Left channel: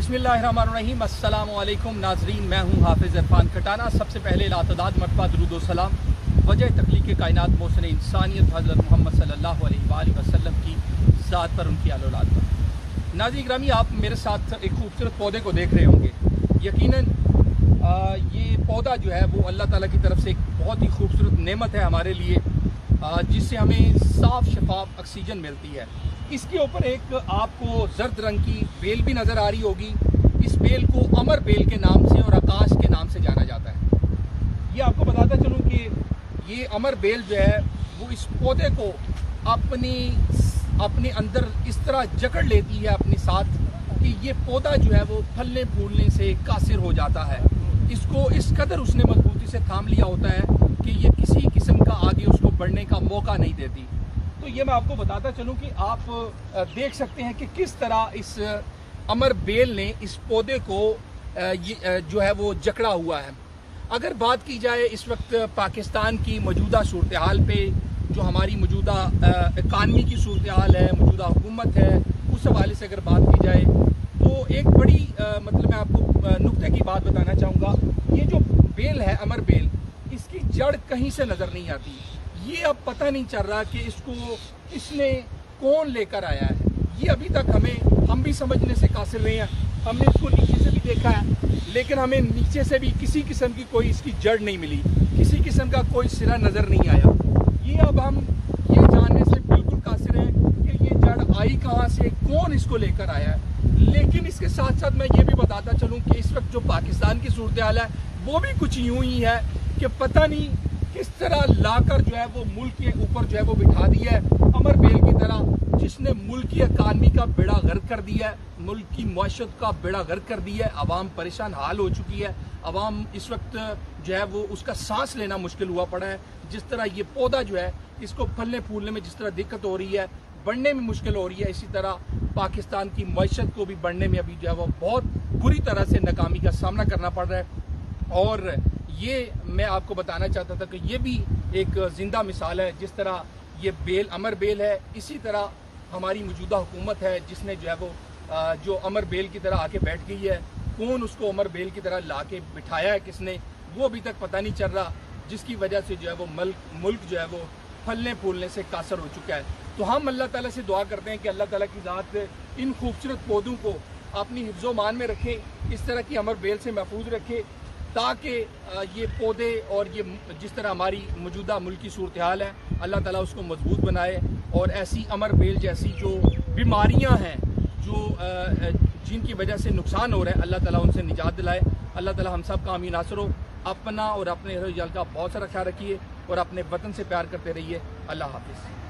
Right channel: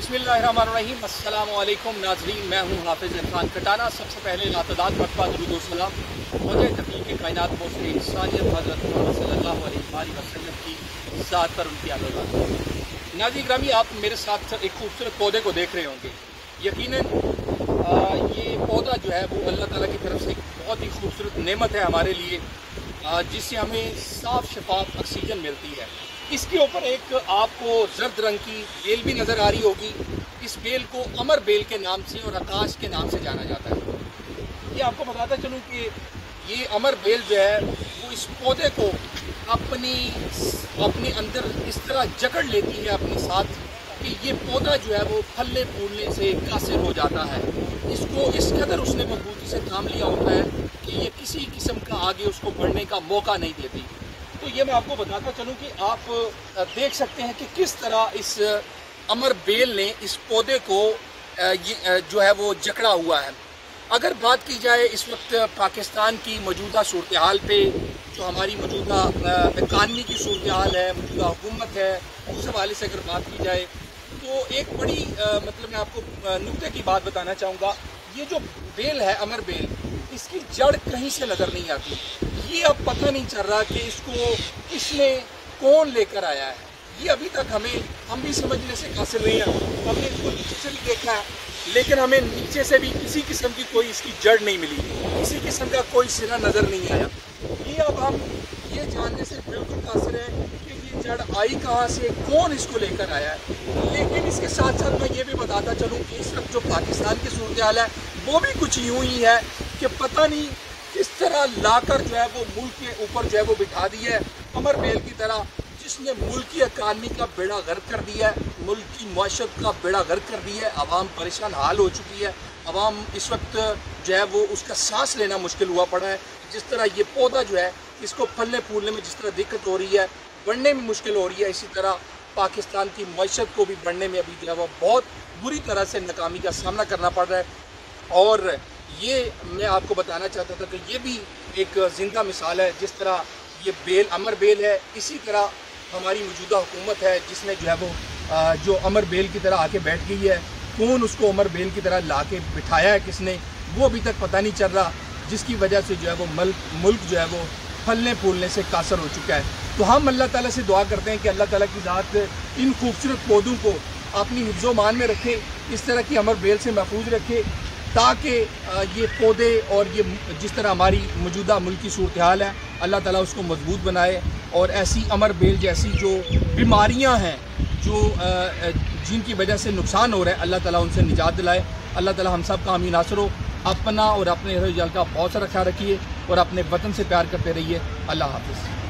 बिस्मिल्लाहिर्रहमानिर्रहीम। अस्सलामु अलैकुम नाज़रीन, मैं हूँ हाफिज़ इरफान कटाना। सबसे पहले लातदाद मरतबा दुरूद व सलाम वजह तख्लीक़ कायनात मोहसिन इंसानियत हज़रत मोहम्मद सल्लल्लाहु अलैहि वसल्लम की ज़ात पर, उनकी आल औलाद पर। नाज़रीन ग्रामी, आप मेरे साथ एक खूबसूरत पौधे को देख रहे होंगे। यकीनन ये पौधा जो है वो अल्लाह ताला की तरफ से एक बहुत ही खूबसूरत नेमत है हमारे लिए, जिससे हमें साफ़ शफाफ ऑक्सीजन मिलती है। इसके ऊपर एक आपको जर्द रंग की बेल भी नज़र आ रही होगी। इस बेल को अमर बेल के नाम से और आकाश के नाम से जाना जाता है। ये आपको बताता चलूँ कि ये अमर बेल जो है वो इस पौधे को अपने अंदर इस तरह जकड़ लेती है अपने साथ कि ये पौधा जो है वो फलने फूलने से कासिर हो जाता है। इसको इस कदर उसने मजबूती से थाम लिया होता है कि ये किसी किस्म का आगे उसको बढ़ने का मौका नहीं देती। तो ये मैं आपको बताता चलूँ कि आप देख सकते हैं कि किस तरह इस अमर बेल ने इस पौधे को जो है वो जकड़ा हुआ है। अगर बात की जाए इस वक्त पाकिस्तान की मौजूदा सूरत हाल पे, जो हमारी मौजूदा इकानमी की सूरत हाल है, मौजूदा हुकूमत है, उस हवाले से अगर बात की जाए तो एक बड़ी मैं आपको नुक्ते की बात बताना चाहूँगा। ये जो बेल है अमर बेल, इसकी जड़ कहीं से नज़र नहीं आती। ये अब पता नहीं चल रहा कि इसको किसने कौन लेकर आया है। ये अभी तक हम भी समझने से कासिर नहीं हैं। हमने इसको नीचे से भी देखा है, लेकिन हमें नीचे से भी किसी किस्म की कोई इसकी जड़ नहीं मिली, किसी किस्म का कोई सिरा नज़र नहीं आया। ये अब हम ये जानने से बिल्कुल कासिर हैं कि ये जड़ आई कहाँ से, कौन इसको लेकर आया है। लेकिन इसके साथ साथ मैं ये भी बताता चलूँ कि इस वक्त जो पाकिस्तान की सूरत हाल है वो भी कुछ यूँ ही है कि पता नहीं किस तरह लाकर जो है वो मुल्क के ऊपर जो है वो बिठा दिया है अमर बेल की तरह, जिसने मुल्क की इकानमी का बेड़ा गर्क कर दिया है, मुल्क की मईशत का बेड़ा गर्क कर दिया है। आवाम परेशान हाल हो चुकी है। आवाम इस वक्त जो है वो उसका सांस लेना मुश्किल हुआ पड़ा है। जिस तरह ये पौधा जो है इसको फलने फूलने में जिस तरह दिक्कत हो रही है, बढ़ने में मुश्किल हो रही है, इसी तरह पाकिस्तान की मईशत को भी बढ़ने में अभी जो है वो बहुत बुरी तरह से नाकामी का सामना करना पड़ रहा है। और ये मैं आपको बताना चाहता था कि ये भी एक ज़िंदा मिसाल है। जिस तरह ये बेल अमर बेल है, इसी तरह हमारी मौजूदा हुकूमत है जिसने जो है वो जो अमर बेल की तरह आके बैठ गई है। कौन उसको अमर बेल की तरह ला के बिठाया है किसने, वो अभी तक पता नहीं चल रहा, जिसकी वजह से जो है वो मुल्क जो है वो फलने फूलने से कासर हो चुका है। तो हम अल्लाह ताला से दुआ करते हैं कि अल्लाह ताला की ज़ात इन खूबसूरत पौधों को अपनी हिफ्ज़ो मान में रखे, इस तरह की अमर बेल से महफूज रखे, ताकि ये पौधे और ये जिस तरह हमारी मौजूदा मुल्क की सूरत हाल है अल्लाह ताला उसको मजबूत बनाए। और ऐसी अमर बेल जैसी जो बीमारियां हैं जो जिनकी वजह से नुकसान हो रहा है, अल्लाह ताला उनसे निजात दिलाए। अल्लाह ताला हम सब का आमीन नासर हो। अपना और अपने अहल का बहुत सारा ख्याल रखिए और अपने वतन से प्यार करते रहिए। अल्लाह हाफ़िज़।